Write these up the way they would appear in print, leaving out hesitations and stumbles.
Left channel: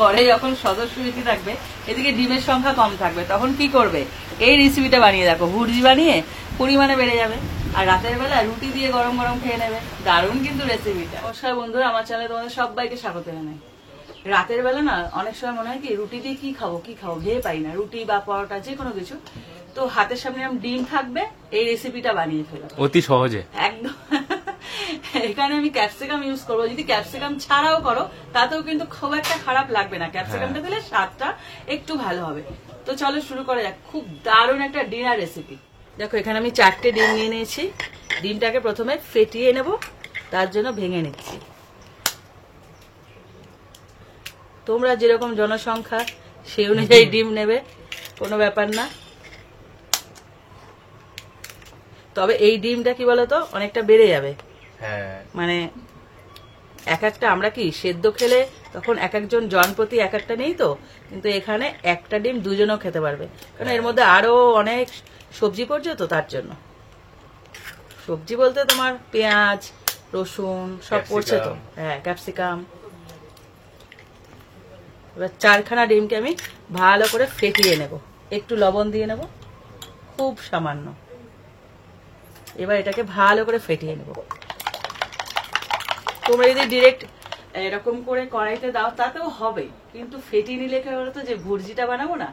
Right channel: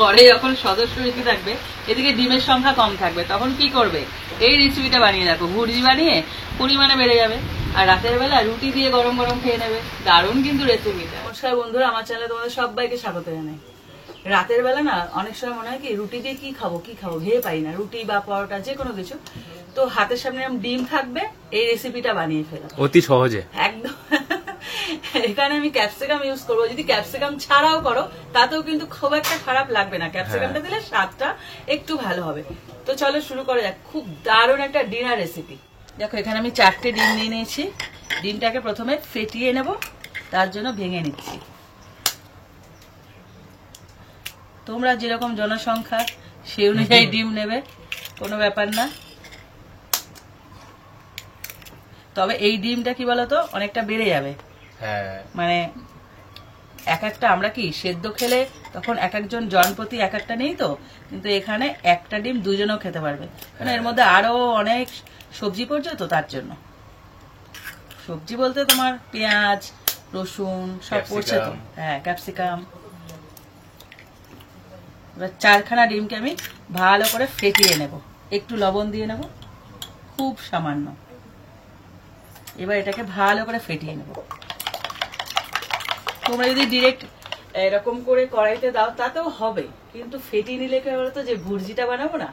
ঘরে যখন সদস্য বেশি থাকবে, এদিকে ডিমের সংখ্যা কম থাকবে, তখন কি করবে? এই রেসিপিটা বানিয়ে দেখো, ভুর্জি বানিয়ে পরিমাণে বেড়ে যাবে, আর রাতের বেলা রুটি দিয়ে গরম গরম খেয়ে নেবে। দারুণ কিন্তু রেসিপিটা। নমস্কার বন্ধুরা, আমার চ্যানেলে তোমাদের সবাইকে স্বাগত জানাই। রাতের বেলা না অনেক সময় মনে হয় কি রুটি দিয়ে কি খাবো ভেবে পাই না, রুটি বা পরোটা যে কোনো কিছু। তো হাতের সামনে ডিম থাকবে, এই রেসিপিটা বানিয়ে ফেলো অতি সহজে একদম। এখানে আমি ক্যাপসিকাম ইউজ করবো, যদি ক্যাপসিকাম ছাড়াও করো তাতেও কিন্তু খুব একটা খারাপ লাগবে না, ক্যাপসিকামটা দিলে স্বাদটা একটু ভালো হবে। তো চলো শুরু করা যাক, খুব দারুণ একটা ডিনার রেসিপি। দেখো এখানে আমি 4টে ডিম নিয়ে নিয়েছি। ডিমটাকে প্রথমে ফেটিয়ে নেব, তার জন্য ভেঙে নিচ্ছি। তোমরা যেরকম জনসংখ্যা সেই অনুযায়ী ডিম নেবে, কোনো ব্যাপার না। তবে এই ডিমটা কি বলতো অনেকটা বেড়ে যাবে, মানে এক একটা আমরা কি সেদ্ধ খেলে তখন এক একজন জনপ্রতি এক একটা নেই তো, কিন্তু এখানে একটা ডিম দুজনও খেতে পারবে, কারণ এর মধ্যে আরো অনেক সবজি পড়ছে তো, তার জন্য। সবজি বলতে তোমার পেঁয়াজ, রসুন সব পড়ছে তো, হ্যাঁ ক্যাপসিকাম। এবার 4খানা ডিমকে আমি ভালো করে ফেটিয়ে নেব, একটু লবণ দিয়ে নেব, খুব সামান্য। এবার এটাকে ভালো করে ফেটিয়ে নেব। তোমরা যদি ডিরেক্ট এরকম করে কড়াইতে দাও তাতেও হবে, কিন্তু ফেটিয়ে নিলে কি বলতো, যে ভুর্জিটা বানাবো না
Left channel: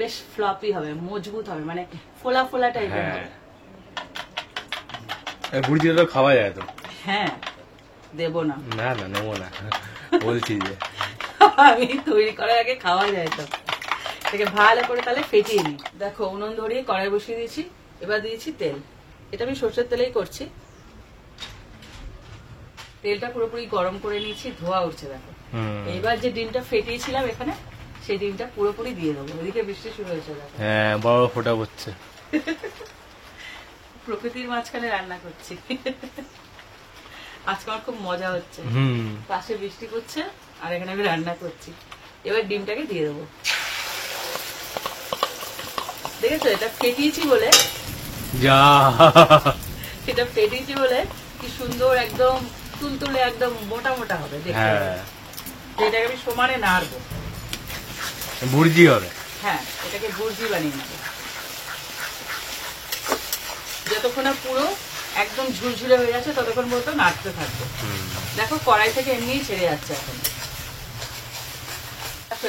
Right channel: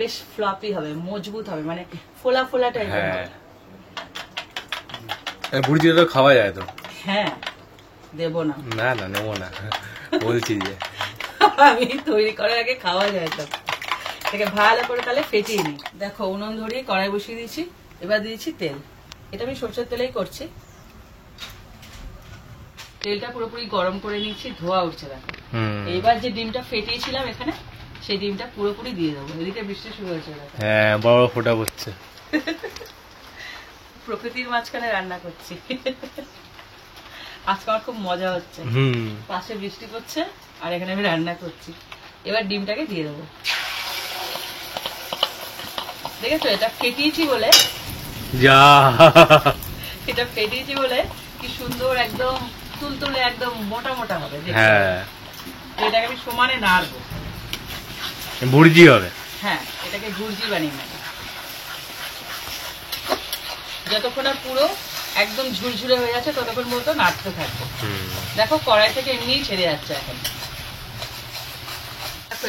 বেশ ফ্লপি হবে, মজবুত হবে, মানে ফোলা ফোলা টাইপের হবে। ভুর্জিটা তো খাওয়া যায় তো? হ্যাঁ, দেবো না, না না নেবো না, বলছি যে আমি তৈরি করার আগে খাওয়া যায় তো। এটাকে ভালো করে তাহলে ফেটিয়ে নিই। দেখো উনুন ধরিয়ে কড়াই বসিয়ে দিয়েছি, এবার দিয়েছি তেল। এটা আমি সরষের তেলেই করছি। তেলটা পুরোপুরি গরম করে নিয়েছি, ধোয়া উঠছে দেখো। এইবার যে ডিমটা ফেটিয়েছিলাম এখানে, সেই ডিমটা পুরোপুরি দিয়ে দেবো। এদিকে বৃষ্টি শুরু হয়েছে দেখো, হ্যাঁ বড় ফোঁটা পড়ছে। প্রকৃতির মাঝখানে রান্না করছি। আজকে আমার খুব মজা হচ্ছে, পাশে বৃষ্টি পড়ছে আর এখানে আমি রান্না করছি। এবার ডিমটাকে দিয়ে দেবো। দেখেছো এটা ফেটিয়েছি বলে, এটা ফেটিয়েছি বলে কি সুন্দর একদম তুলতুলে একদম মোটা মোটা হবে। এটাকে আমি সমানে নাড়বো, ভুর্জি হবে। হ্যাঁ এটাকে ভুর্জি বানিয়ে নেবো, যতক্ষণে পুরো একদম ঝুরঝুরে হয়ে যাচ্ছে ততক্ষণ পর্যন্ত নাড়তে থাকবে। দেখো কড়াই থেকে এমনিই ছেড়ে যাচ্ছে এখন।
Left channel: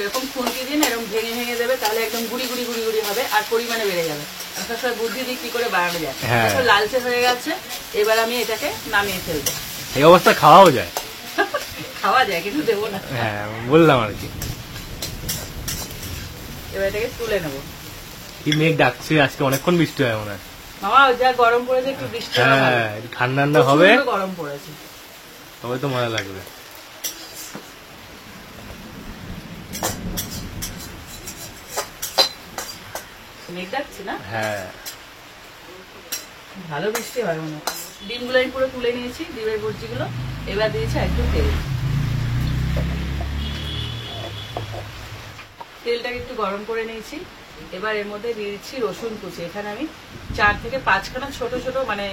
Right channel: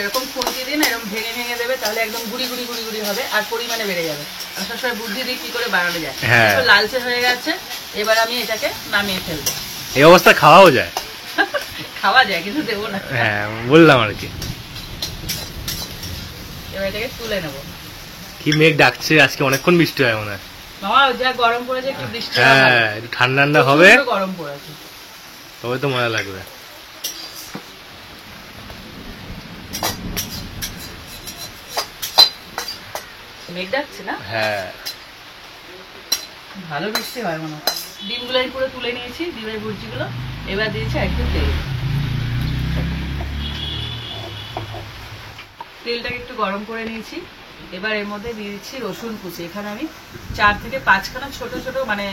এরকম খুন্তি দিয়ে না এরকম ভেঙে ভেঙে দেবে, তাহলে একদম গুড়ি গুড়ি গুড়ি গুড়ি হবে আর পরিমাণে বেড়ে যাবে। আমি সবসময় বুদ্ধি দিই কি করে বানানো যায়। লালচে হয়ে গেছে, এবার আমি এটাকে নামিয়ে ফেলবো। এই অবস্থা খাওয়াও যায়? খাওয়া যায় কিন্তু দেবো না। হ্যাঁ বললাম আর কি। এবার এটাকে তুলে নেবো। কি মেঘ ডাকছে, আজকে অনেকক্ষণ বৃষ্টি হয় মনে হয়। যা গরম পড়েছে একটু বৃষ্টি, হ্যাঁ ঠান্ডা ঠান্ডা হবে, গরম পড়েছে, তবে তো মজা লাগবে। মেঘ ডাকছে না? হ্যাঁ ভালো বৃষ্টি হয় মনে হয়। ডিমগুলো আমি পুরো তুলে নিয়েছি, ডিমের ভুর্জিগুলো। এবার দিয়েছি একটু তেল। তেলটাকে একটু গরম করে নিয়েছি। এবার এর মধ্যে দিয়ে দিচ্ছি রসুন কুচি। এখানে আমি 4 থেকে 5খানা ছোট ছোট, মানে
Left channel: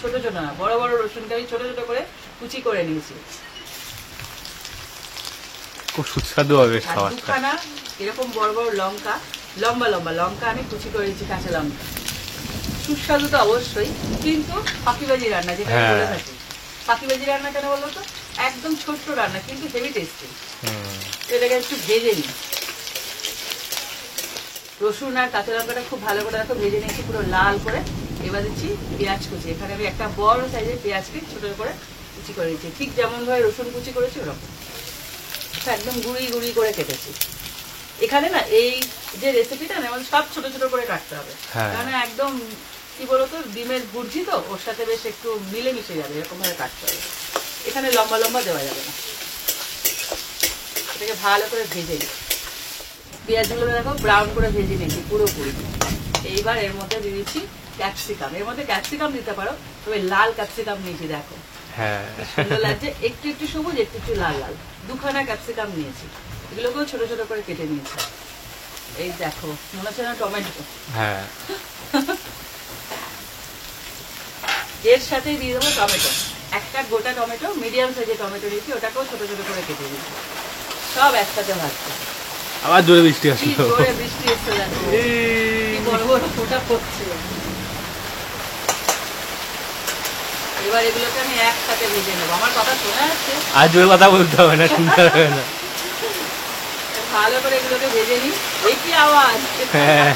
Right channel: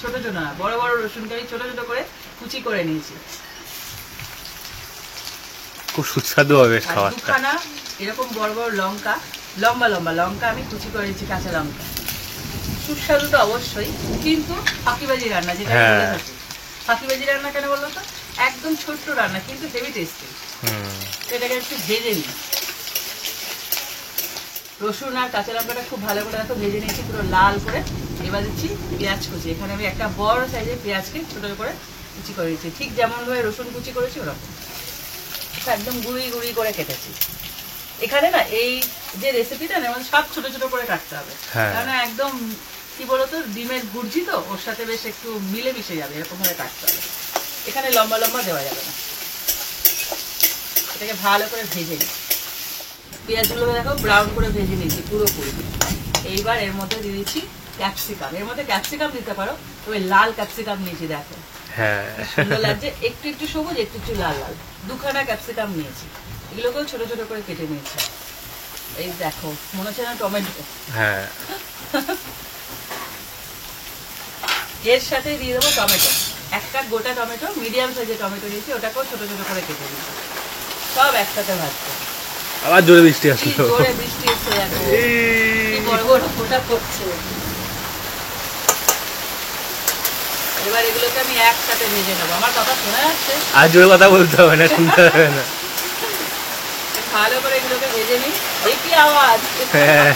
ছোট ছোট না বড় বড় রসুনটা আমি ছোট ছোট করে কুচি করে নিয়েছি। খুব সুস্বাদু হবে খাবারটা। 2খানা এরকম বড় বড় লঙ্কা, লম্বা লম্বা লঙ্কা আমি কুচি করে নিয়েছি, কাঁচা লঙ্কা। সুস্বাদু তো অবশ্যই, কিন্তু ফাঁকিবাজি রান্না যেটা বলে থাকি। ফাঁকিবাজি রান্না কেন বললো তো, একদম ছোট্ট রান্না কিন্তু হেভি টেস্টি। এটাকে একটু ভেজে নিই। রসুন আর কাঁচা লঙ্কাটা খুব ভালো করে একটু ভেজে নিচ্ছি পুরো লাল করে। এবার দিচ্ছি পেঁয়াজ কুচি। এখানে আমি একটা বড় সাইজের পেঁয়াজকে ছোট করে কুচি করে দিচ্ছি, ঠিক যেমন ভাবে রসুন কুচি করেছি ওরকম একদম গুঁড়ি গুঁড়ি করে কেটেছি। এখানে না এই যে রেসিপিটা না সব ছোট ছোট করে কাটতে হবে, কারণ একদম কি বলতো ডিমের ভুর্জি তো, ওর সাথে বেশ একটু মিলে মিশে যাবে, এরকম ভাবে কাটতে হবে। এখানে লম্বা লম্বা দেওয়া যাবে না। এটাকে ভালো করে ভেজে নিই। পেঁয়াজগুলো দেখো ব্রাউন করে ভেজে নিয়েছি পুরোপুরি। এইবার এর মধ্যে দিয়ে দিচ্ছি ক্যাপসিকাম। এর মধ্যে ক্যাপসিকাম দিতে পারো, তবে লাল ক্যাপসিকাম নিয়েছি দেখো, সুন্দর লাগছে। একটু একটু সবুজ, একটু একটু লাল লাল। 2খানা ক্যাপসিকাম নিয়েছি, এগুলোকেও ছোট ছোট করে কেটে নিয়েছি। এই দেখো মনে হচ্ছে না টমেটো। এর সাথে দিয়ে দেবো টমেটো, একটা গোটা টমেটো, মিডিয়াম সাইজের টমেটো নিয়েছি, ওটাকেও ছোট ছোট করে কেটে দিচ্ছি। সব একসাথে ভাজছে। আবার জোরে বৃষ্টি কি আসলো। জোরে বৃষ্টি এসছে দেখো, কি বড় বড় ফোঁটা পড়ছে। এবার এগুলোকে আমি একসাথে ভেজে নেবো। আমার কথা শোনা যাচ্ছে? আর জোরে কথা বলতে হবে না, শুনতে হবে না। ভালো করে এগুলোকে ভেজে নিই। এই কি আওয়াজ? হ্যাঁ।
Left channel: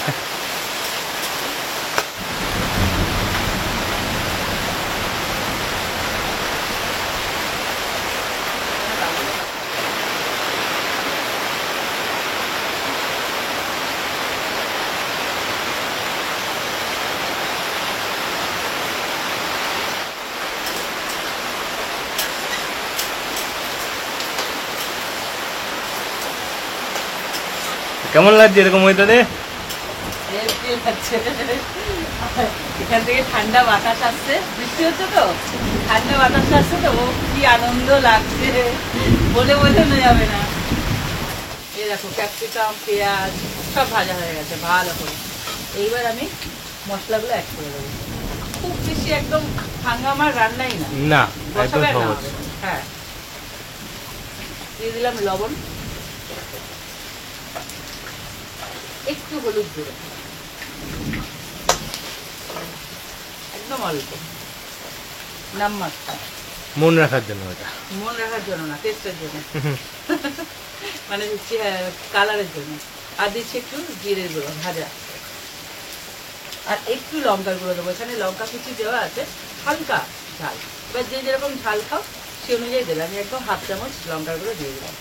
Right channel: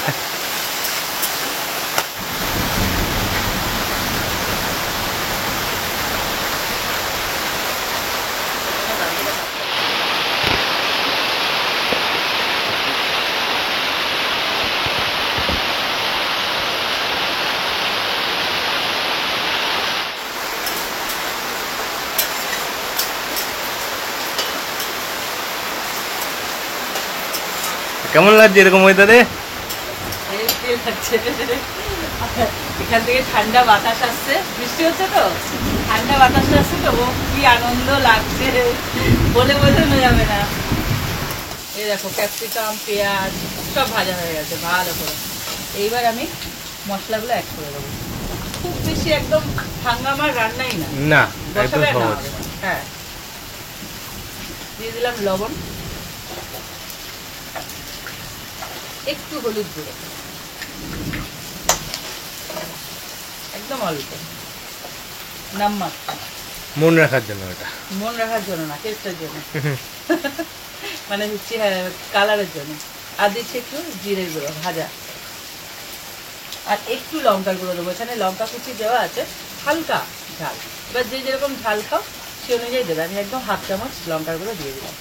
কেমন লাগছে এরকম ওয়েদারে? এখান থেকে ঠান্ডা বাতাস আসছে, বৃষ্টি হচ্ছে তো, ঠান্ডা বাতাস আসছে তো, ও কি আনন্দ লাগছে বলে বোঝানো যাবে না। এই দেখো ক্যাপসিকাম, পেঁয়াজ সব ভাজা হয়ে গেছে ভালো করে। এইবার আমি মশলাগুলো অ্যাড করে দেবো। খুব বেশি একদম হাঙ্গামার রান্নাই না, না, একদম বসাবে সহজ। না। হ্যাঁ, দিয়ে দিলাম লবণ, একটু হলুদ গুঁড়ো, একদম অল্প, নাম্বার মন রাখার জন্য এটা। মন রাখার জন্য না, টেস্টের জন্য, মানে হচ্ছে কালারের জন্য। আর দিচ্ছি একটু জিরে গুঁড়ো ভাজা, আর একটু লঙ্কার গুঁড়ো দেবো। এখানে লঙ্কা কুচি দেওয়া আছে, হালকা ঝাল। এবার যে যেরকম ঝাল খাও সে অনুযায়ী দেবে। আমি একদম হাফ চামচ লঙ্কার গুঁড়ো দিয়ে দিলাম।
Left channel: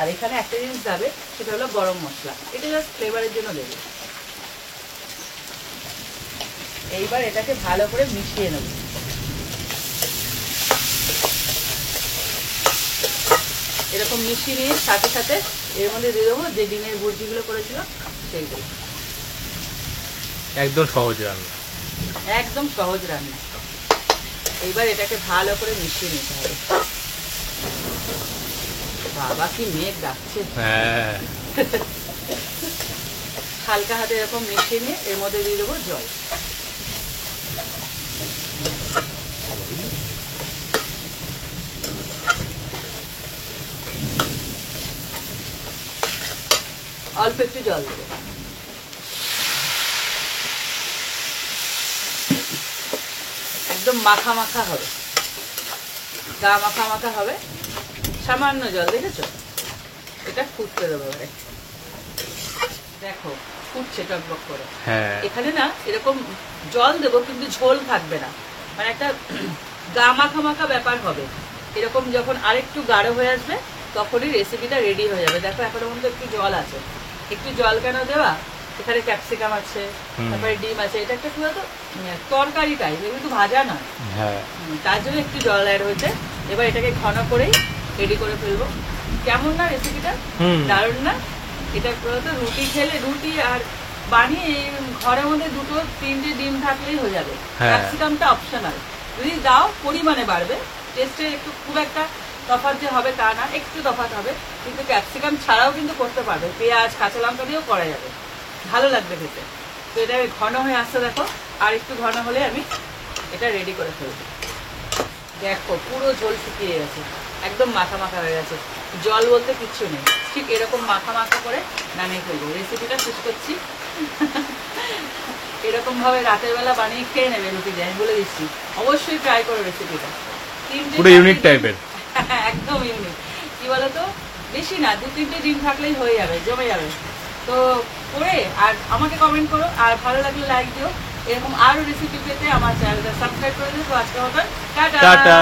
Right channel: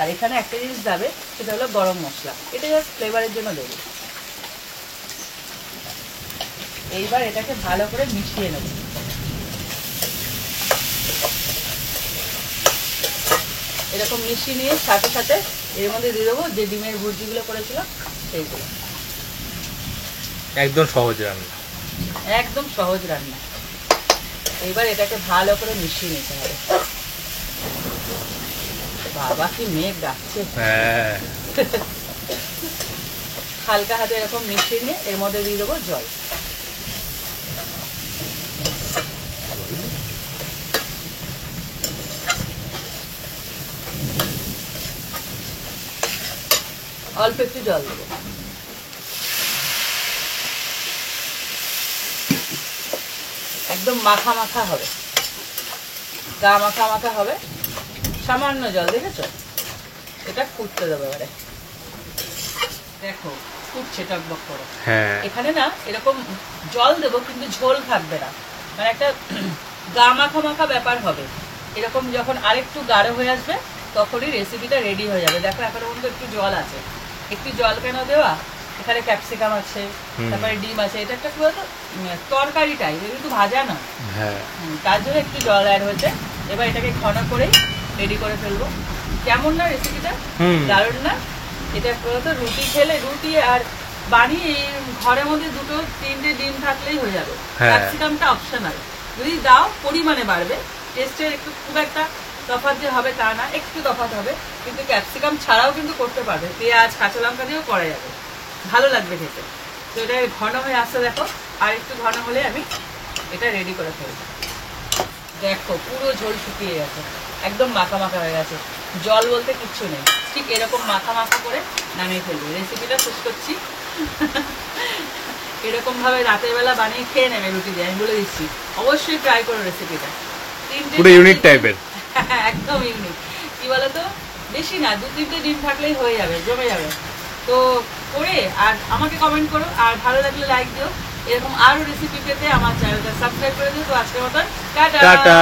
আর এখানে একটা জিনিস যাবে, সেটা হলো গরম মশলা। এটা জাস্ট ফ্লেভারের জন্য দেবে। এইবার এটাকে ভালো করে মিশিয়ে নেব। এরকম মিশিয়ে নিয়ে সাথে সাথে এর মধ্যে দিয়ে দেবো যে ডিমের ভুর্জিগুলো করেছিলাম সেইগুলো। একদম সহজ রান্না, একদম সহজ রান্না। এইবার এটাকে ভালো করে মিশিয়ে নিতে হবে। বাবা কি মেঘ ডাকছে। হ্যাঁ। হালকা হাতে এরকম মিশিয়ে নিয়ে এর মধ্যে দিয়ে দেবো জল। অল্প একটু জল দেবো। একদম মাখা মাখা হবে, গা মাখা মাখা হবে। সামান্য জল, দেখেছো? এটা ফুটতে দেবো এবারে। দেখো ফুটছে টকবক করে। হ্যাঁ। এখানে না এরকম জল দেবো, কিন্তু ঝোল থাকবে না, মানে একটা গা মাখা মাখা ব্যাপার হবে। এরকম যখন আরেকটু গাঢ় হয়ে আসবে তখনই রেসিপিটা রেডি হয়ে যাবে। দেখো এখনো পর্যন্ত একটু জল আছে। একটু জল কেন দেওয়া? এখানে ক্যাপসিকাম আছে, তারপরে ডিম আছে। এটা একটা কি বলতো, তরকারি টাইপ, কিন্তু ভাজা না। হ্যাঁ। তার জন্য একটু জল অ্যাড হয়েছে। এবার এটাকে ঘন করেই রেডি করে ফেলবো। কেমন না রেসিপিটা? দারুণ না? এটা বলতো রুটি খেলে, রুটি আর বানিয়ে ঘরের মধ্যে 2-3টে ডিম থাকলেই হয়ে যাবে। ক্যাপসিকামটা অপশনাল, যদি দাও পরিমাণে বাড়বে। টেস্টের একটু খুব একটা তফাৎ যে হবে তা না, একটু তফাৎ হবে, কিন্তু ক্যাপসিকাম ছাড়াও কিন্তু করতে পারবে। পেঁয়াজ কাঁচা লঙ্কা দিয়েও করা যাবে, ভালো লাগবে খেতে। তো এটা ঘন হয়ে আসছে দেখো, আর একটু ঘন হলে আমি এটা রেডি করে ফেলবো। দেখো পুরো ঝোল শুকিয়ে গেছে, একদম মাখা মাখা হয়ে গেছে, জল বলতে কিচ্ছু নেই। ঠিক এরকম মাখা মাখা করে নামিয়ে ফেলবো। রেসিপিটা শেষ করছি। এরকম ভাবে রাতের বেলা বানিয়ে খেয়ে নেবে রুটি দিয়ে, আমি বলে দিচ্ছি। অবশ্যই ট্রাই করো রেসিপিটা। পুরো ইউনিক টাইপের, একদম ইউনিক। কি বলতো, বেশি না, 2-3টে ডিম থাকলেই হয়ে যাবে, জমে যাবে। তো করে আর আমাকে কমেন্ট করো, আর ভালো লাগলে লাইক দিও। এরকম আরো রেসিপি পেতে আমার চ্যানেলটা সাবস্ক্রাইব করে দিও। তো আজকের মতন টাটা। টাটা।